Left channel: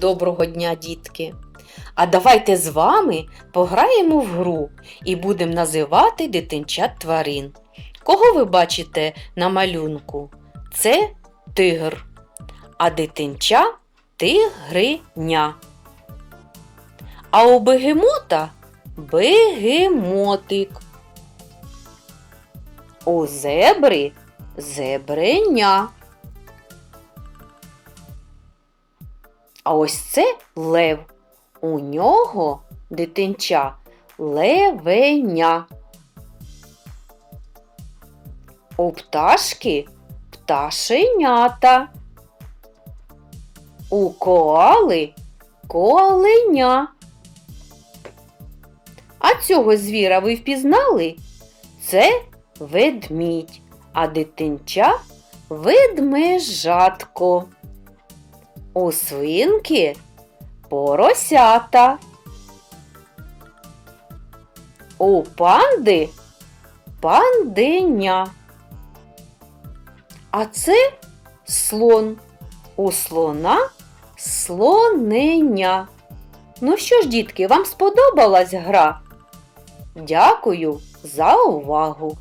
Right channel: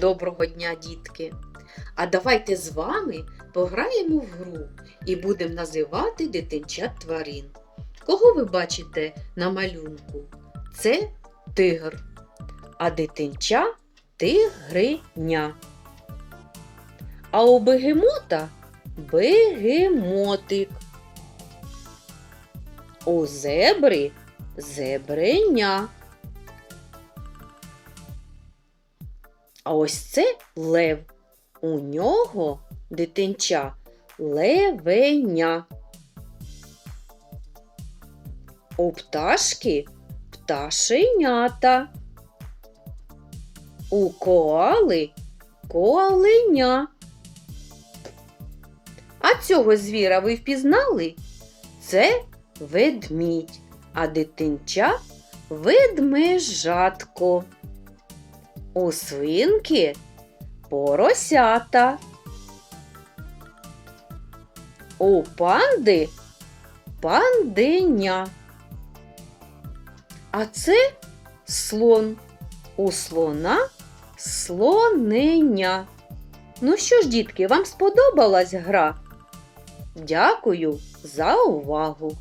Доброго дня, дітки! А давайте з вами пограємо в гру і будемо називати дитинчат тварин. Кого ви бачите на малюнку? Це тигр, а дитинча тигриня. А у бегемота бегемотик. У зебри зебреня. А ось це лев. У нього дитинча левеня. У пташки пташенята. У коали коаленя. А цього звіра ви впізнали? Це ведмідь, а дитинча ведмежатко. У свинки поросята. У панди панденя. А це слон. У слона слоненя. Ну що ж, дітки, вам сподобалась гра? Дякую за увагу!